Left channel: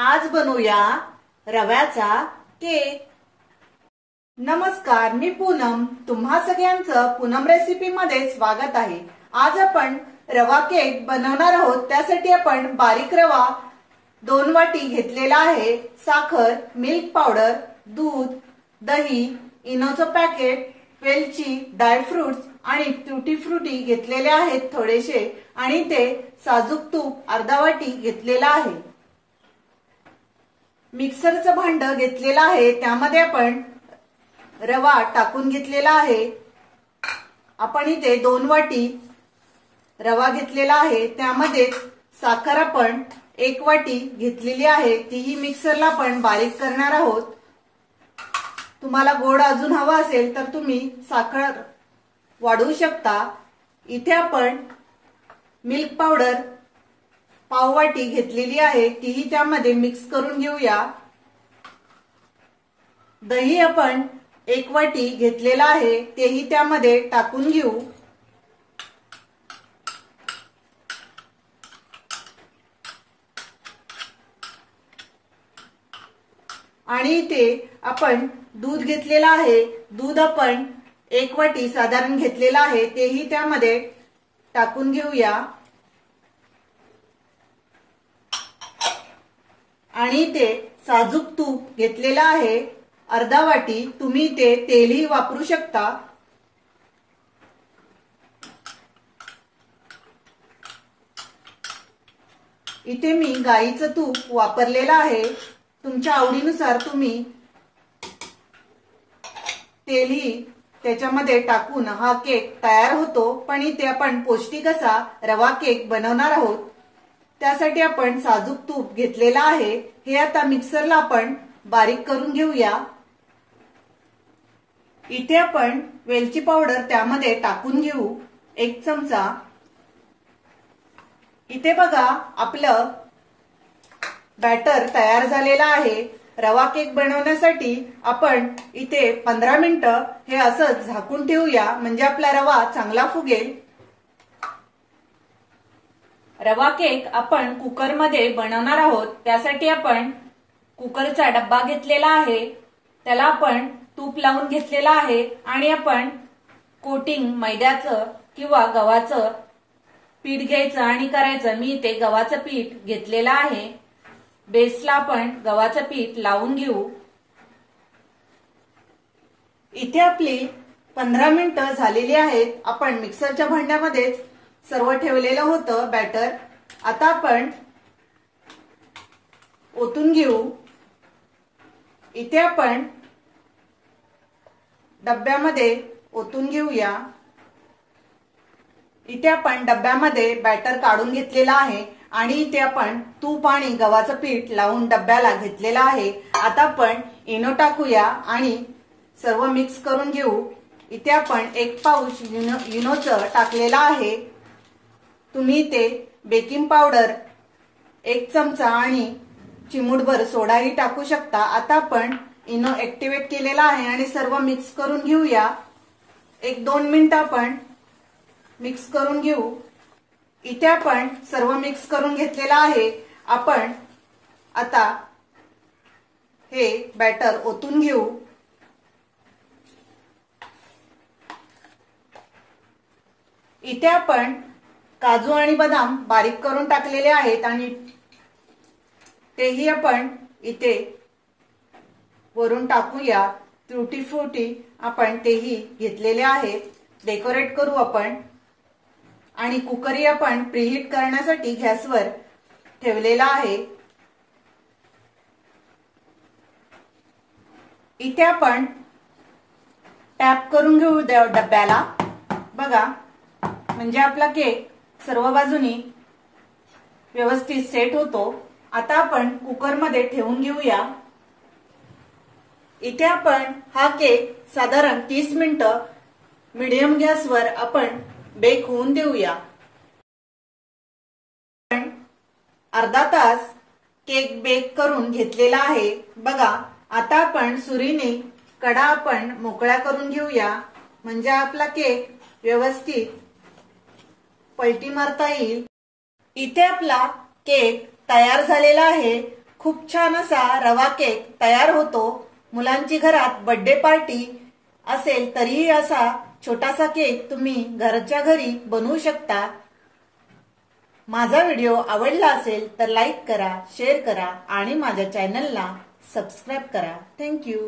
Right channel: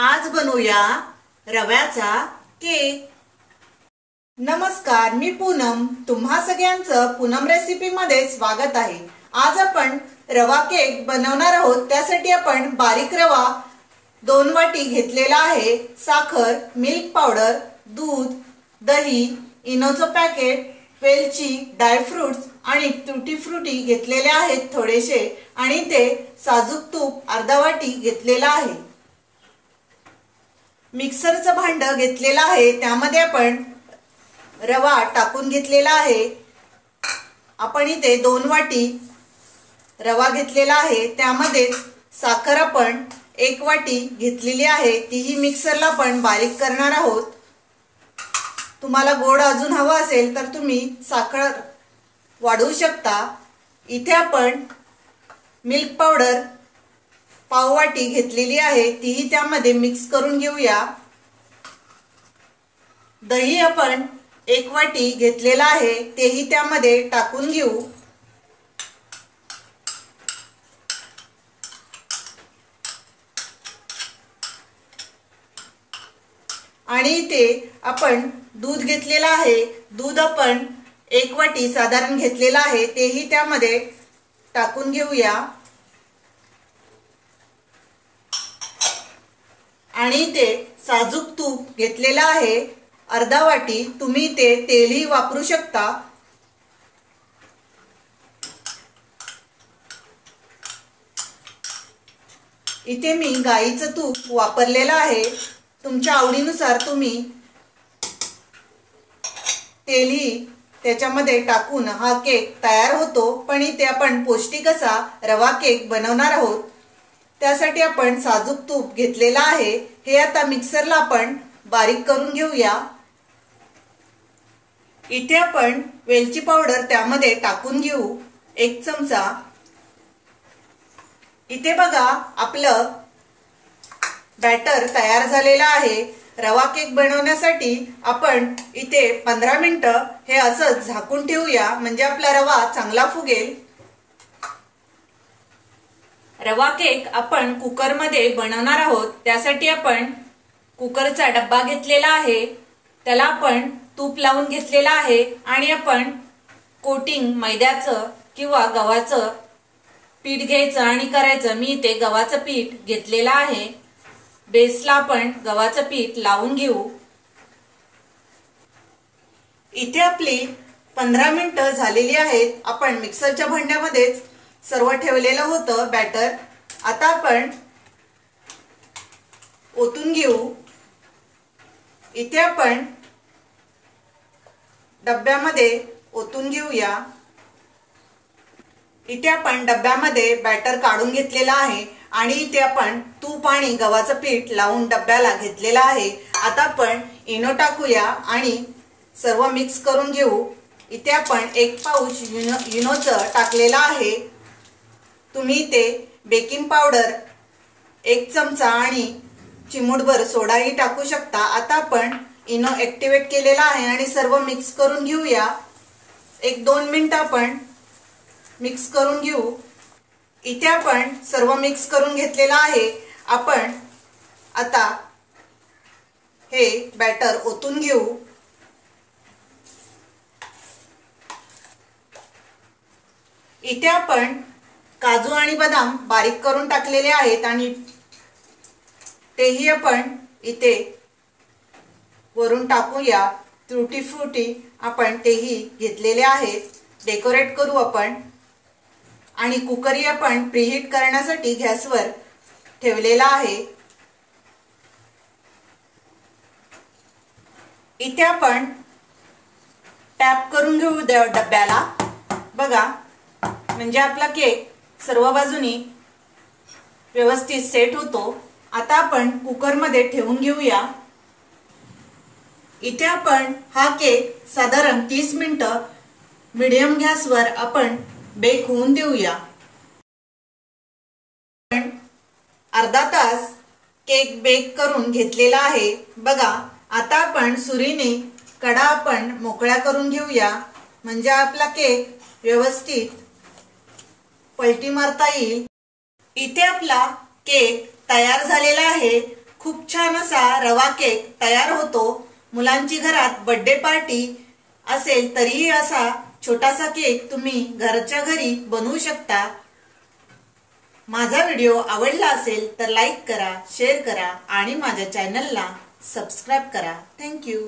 आज बनवूया रव्याचा केक। नमस्कार, मी पूनम। तुम्हा सगळ्यांचं पूनम रेसिपी मध्ये स्वागत आहे। आज आपण रवा केक बनवणार आहोत। त्यासाठी आपण बारीक रवा 2 वाटी घेतलेला आहे, साखर, मिल्क पावडर, दूध, दही, इनोचं पॅकेट, वेलची, ड्रायफ्रुट्स आणि ट्यूटी फ्रुटी घेतलेले आहेत थोडेसे, आणि ते साजूक तूप अर्धा वाटी घेतलेला आहे। मिक्सरचं भांड घेतलेलं आहे, त्यामध्ये आपण रवा टाकून घेतलेला आहे। आपण इथे 2 वाटी रवा घेतलेला आहे, त्यामध्ये साखर आपण 1 वाटी घेतलेली आहे, तीही मिक्सरला आपण बारीक करणार आहोत। तुम्हाला गोड अजून हवा असेल तर तुम्ही साखर वाढवू शकता। इथे आपण मिल्क पावडर पाव वाटी घेतलेली आहे, तीही त्यामध्ये मिक्स करून घेऊया। दही आपण 1 वाटी घेतलेला आहे, तेही त्यामध्ये टाकून घेऊ। आणि इथे आपण दूध घेतलेला आहे, दूध आपण 1 वाटी साधारण घेतलेला आहे, तेही त्यामध्ये टाकून घेऊया। आणि ते साजूक तूप घेतलेला आहे अर्धा वाटी, तुम्ही ते तेलही वापरू शकता। इथे मी गाईचं तूप वापरलेलं आहे, तुमच्या आवडीनुसार तुम्ही तेलही त्याच्यामध्ये टाकून हा केक तयार होतो। पण इथे आपण पौष्टिक असा रवा केक बनवणार आहोत, त्यासाठी आपण साजूक तूप घेतलेला आहे। हे आता मिक्सरला आपण बारीक करून घेऊया। इथे आपण वेलची पावडर त्यामध्ये टाकून घेऊ 1 चमचा। इथे बघा, आपलं बॅटर तयार झालेला आहे। रवा केक बनवण्यासाठी आपण इथे 15 मिनिटं हे असं झाकून ठेवूया, म्हणजे आपला रवा चांगला फुगेल। रवा केक आपण कुकर मध्ये बनवणार आहोत, त्यासाठी आपण कुकरचा डब्बा घेतलेला आहे, त्याला आपण तूप लावून घेतलेला आहे। आणि आपण कोटिंग मैद्याचं किंवा गव्हाचं पीठ घ्यायचं आणि करायचं। मी इथे गव्हाचं पीठ घेतलेलं आहे, बेसला आपण गव्हाचं पीठ लावून घेऊ। इथे आपली 15 मिनिटं झालेली आहेत। आपण मिक्सरच्या भांड्यामध्येच सर्व ठेवलेलं होतं बॅटर, आता आपण ओतून घेऊ। इथे आपण डब्यामध्ये ओतून घेऊया। इथे आपण डब्यामध्ये बॅटर काढून घेतलेला आहे, आणि इथे आपण तूप आणि गव्हाचं पीठ लावून डब्याला घेतलेला आहे। आता आपण इनो टाकूया आणि सर्व मिक्स करून घेऊ। इथे आपण 1 पाऊच इनोचं टाकलेलं आहे, तुम्ही इथे बेकिंग पावडर 1 चमचा आणि चिमूटभर सोडाही टाकू शकता। आता आपण इनो ऍक्टिव्हेट केलेला आहे आणि सर्व मिक्स करून घेऊया। 1-2 मिनिटं आपण मिक्स करून घेऊ। इथे आपण सर्व मिक्स करून घेतलेला आहे। आपण आता हे बॅटर ओतून घेऊ। इथे आपण काजू आणि बदाम बारीक करून टाकलेले आहेत, आणि तेही आपण इथे वरून टाकूया। ट्यूटी फ्रुटी आपण तेही घेतलेले आहेत, डेकोरेट करू आपण। आणि कुकरही आपण प्रीहीट करण्यासाठी गॅसवर ठेवलेला आहे। इथे आपण टॅप करून घेऊ डब्याला, बघा, म्हणजे आपला केक सर्व बाजूनी व्यवस्थित सेट होतो। आता आपण कुकरमध्ये ठेवून घेऊया। इथे आपण हा केक साधारण 30 मिनिटं मीडियम गॅसवर आपण बेक होऊन देऊया। आपण अर्धा तास केक बेक करून घेतलेला आहे, बघा। आता आपण सुरीने कडा आपण मोकळ्या करून घेऊया, म्हणजे आपला केक व्यवस्थित पलटी मारता येईल। इथे आपला केक तयार झालेला आहे। खूप छान असा रवा केक तयार होतो। मुलांची घरात बर्थडे पार्टी असेल तरीही असा छोटासा केक तुम्ही घरच्या घरी बनवू शकता। माझा व्हिडिओ आवडला असेल तर लाईक करा, शेअर करा आणि माझ्या चॅनलला सबस्क्राइब करा। Thank you.